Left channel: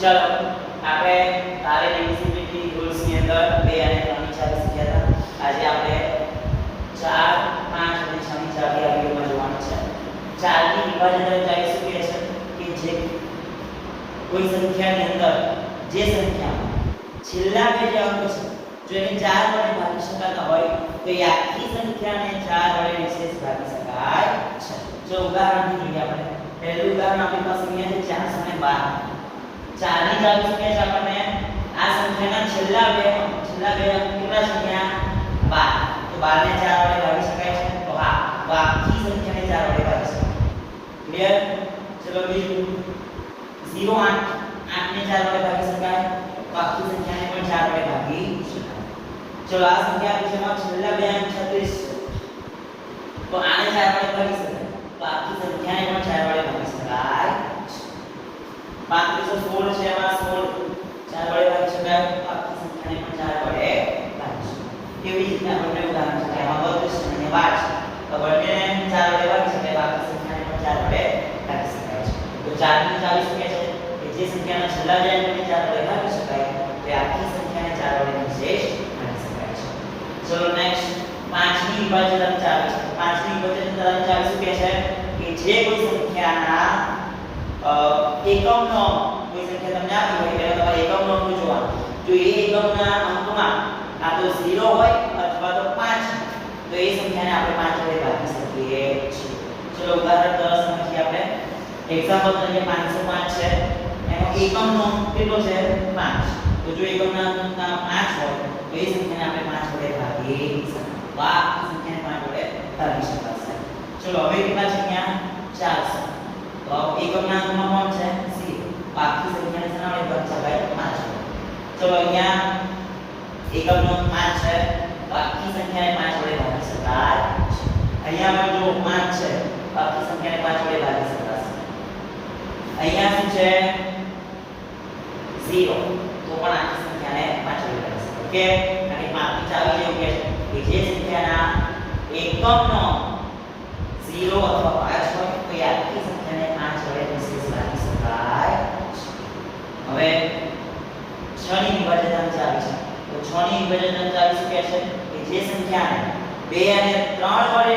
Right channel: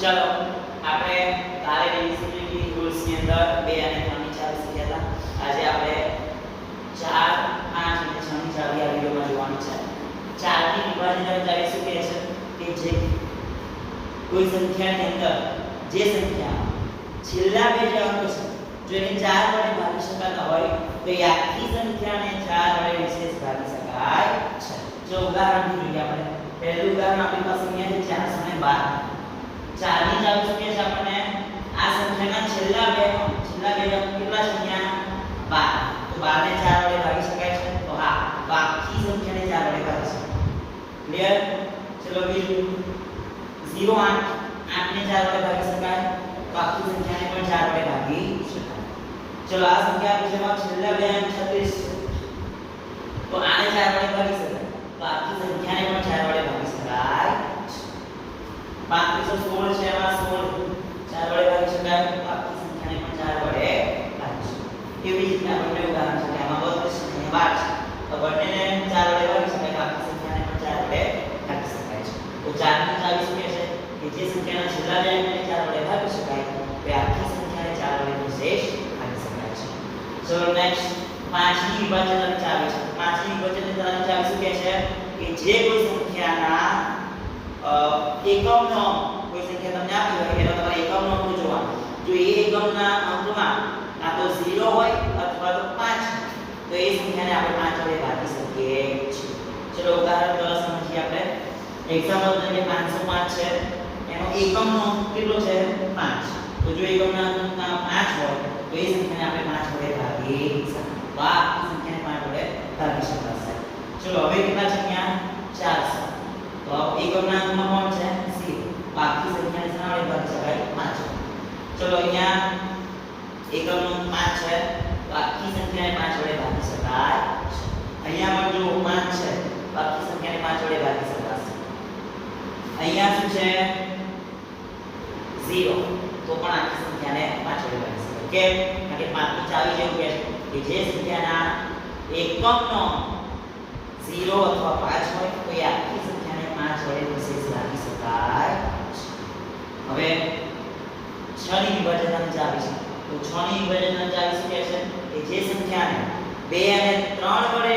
ચાલો આપણે કાલે ડિવિઝિબિલિટી રૂલ્સ ની અંદર 2 અને 3 ની ચાવી શીખ્યા હતા. આજે આપણે 4 5 અને 6 ની ચાવી આ વિડિયોમાં જોવાની છે. 4 ની વિભાજન ચાવી શું કહે છે કે જે કોઈ સંખ્યાની અંદર જે સંખ્યામાં છેલ્લા બે અંક છે જો એને 4 વડે ભાગી શકાતા હોય તો એ આખી સંખ્યાને 4 વડે વિશેષ ભાગી શકાય છે. જો ઉદાહરણ જોઈએ આપણે પહેલું ઉદાહરણ આપણી પાસે અહીંયા છે 412. 4 ની ચાવી શું કહે છે આપણને આ સંખ્યાના છેલ્લા બે અંક કેટલા સંખ્યા 12. તો 12 ને 4 વડે ભાગી શકાય છે તો હા તો આખી સંખ્યાને 4 વડે ભાગી શકાય. ક્લિયર? ચલો બીજું 08 8 ને 4 વડે ભાગી શકાય તો આખી સંખ્યાને પણ 4 વડે ભાગી શકાય. ચલો આ સંખ્યા આપણી છે છેલ્લા બે અંક 36 તો આને 4 વડે ભાગી શકાય તો આખી સંખ્યાને પણ 4 વડે ભાગી શકાય. 516 છે એમાં 16 4 વડે ભાગી શકાય તો આખી સંખ્યાને પણ 4 વડે ભાગી શકાય. એવી રીતના બંને ઉદાહરણ છે કે આમાં 32 અને 12 છે તો બંનેને 4 વડે ભાગી શકાય તો આખી સંખ્યાને પણ 4 વડે ભાગી શકાય છે. તો 4 ની ચાવી શું કહે છે કે જે સંખ્યાના છેલ્લા બે અંકને 4 વડે ભાગી શકાય તે આખી સંખ્યાને 4 વડે વિશેષ ભાગી શકાય છે. ચલો નેક્સ્ટ 5 ની વિભાજન ચાવી છે. 5 ની વિભાજન ચાવી શું કહે છે કે જે કોઈ સંખ્યાના એકમનો કોઈ સંખ્યા તમને આપી હોય એટલે તમારે એકમનો અંક જોવાનો. જો એ એકમના અંકમાં આ તો 0 હોય અથવા તો 5 તો એ સંખ્યાને આપણે 5 વડે ભાગી શકીએ છીએ. ચલો ઉદાહરણ 10 સમજીએ આપણે. એક્ઝામ્પલ તરીકે 505 છે એમાં એકમનો અંક કેટલો છે 5. તો જો એકમના અંકના 5 હોય તો એ સંખ્યાને આપણે 5 વડે ભાગી શકીએ. તો આ સંખ્યાને 5 વડે ભાગી શકાશે. ચલો હવે કેટલા છે ત્યાં 400. તો એકમના અંકમાં કોણ છે 0. બાકી સંખ્યાને શેના વડે ભાગી શકાય 5. ચલો અહીંયા એકમનો અંક 5 છે તો આખી સંખ્યાને 5 વડે ભાગી શકાય. અહીંયા પણ જો 5 છે બાકી સંખ્યાને 5 વડે ભાગી શકાશે. અહીંયા શું છે 0 તો પણ આખી સંખ્યાને 5 વડે ભાગી શકાય. ઓકે અને 5 ની ચાવી જેવું કહે છે કે જે સંખ્યાના એકમનો 0 અથવા 5 હોય તો એ આખી સંખ્યાને 5 વડે વિશેષ ભાગી શકાય. હવે 6 ની વિભાજન ચાવી છે. તો 6 ની વિભાજન ચાવી શું કહે છે કે જે સંખ્યાને 2 અને 3 વડે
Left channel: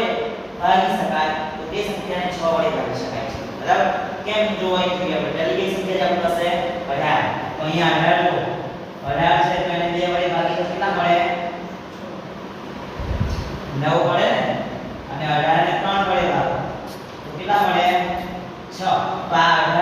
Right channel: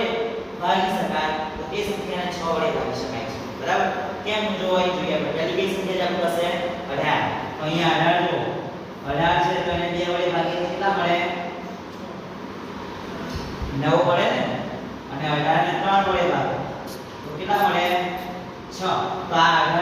ભાગી શકાય તો તે સંખ્યાને 6 વડે ભાગી શકાય છે. બરાબર? કેમ જોઈ જોઈએ આપણે પહેલી કઈ સંખ્યા આપણી પાસે 18. તો અહીંયા 18 જો 18 છે તો એને 2 વડે ભાગીએ તો કેટલા મળે 9 મળે ને અને 18 ને 3 વડે ભાગો તો કેટલા મળે 6. તો આ 18